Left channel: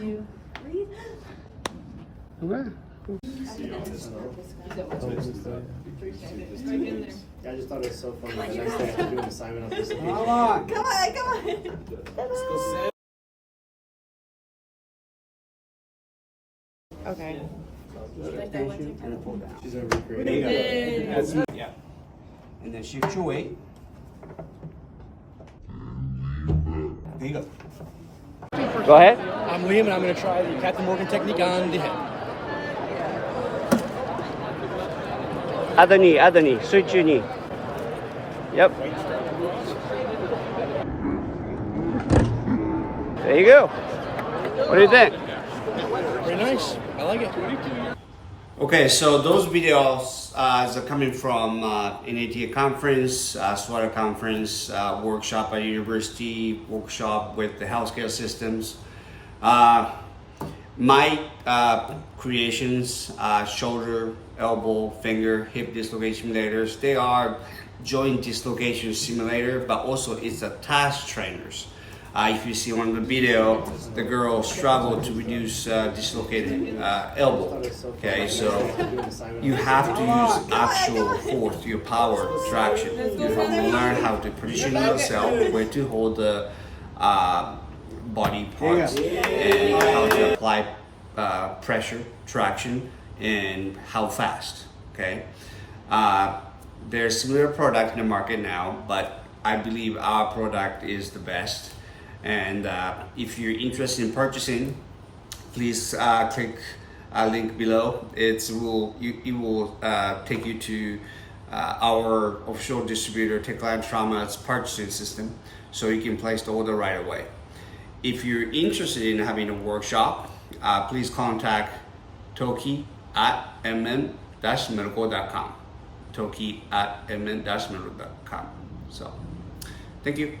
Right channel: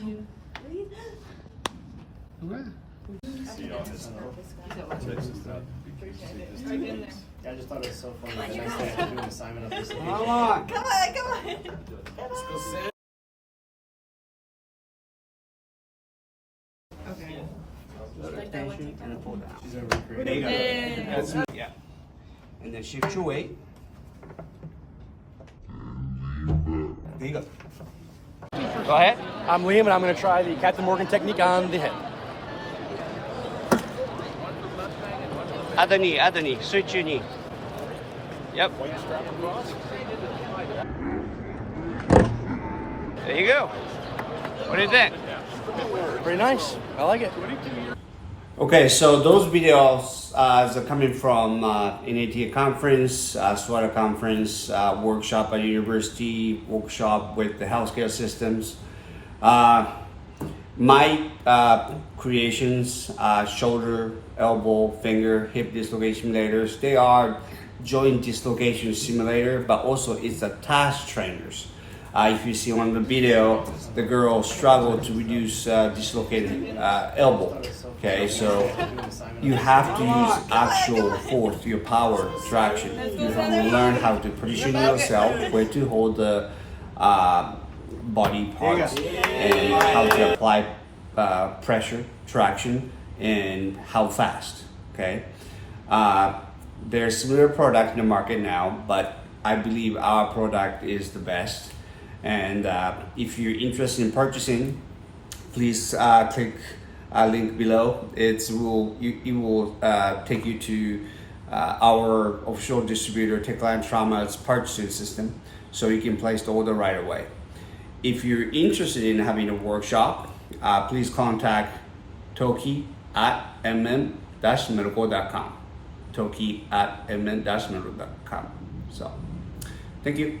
2, 3. Okay. I just thought it was so funny. The next day I had to do an assignment on dislocation. Come on. Come on. Okay. Extension and pull down. She's gonna recreate There you go. it. That's it. Yeah. And then shift your weight. There you go. Go ahead. I'm Liam and I'm gonna try the Captain Morgan technique on the head. Other knee, switch your knee. Yep. There you go. What do you think? Very nice. I like it. Okay, so those videos are coming from NATA conference, SWATA conference, workshop at university, workshop with the healthcare systems. My creations, shoulder, elbow, finger, hip dislocation simulators, they are joint dislocation simulator, but also it's a task trainers. If you see on the video, the girl struggled to reduce dislocated elbow. Okay, so you have to use actual force, your power traction. You have to learn how to position yourself, where to hold the body parts, and how to apply pressure, traction, and how fast. Okay, there's similar product in the market now, but I believe our product is the best. And if you're interested in purchasing, please click a link below. It will take you to our official distributor, Techline Trauma's purchasing system, so you can place the order right away. If you're interested in having a workshop, please contact toki at mm-medical.com. toki at mm-medical.com. So, thank you.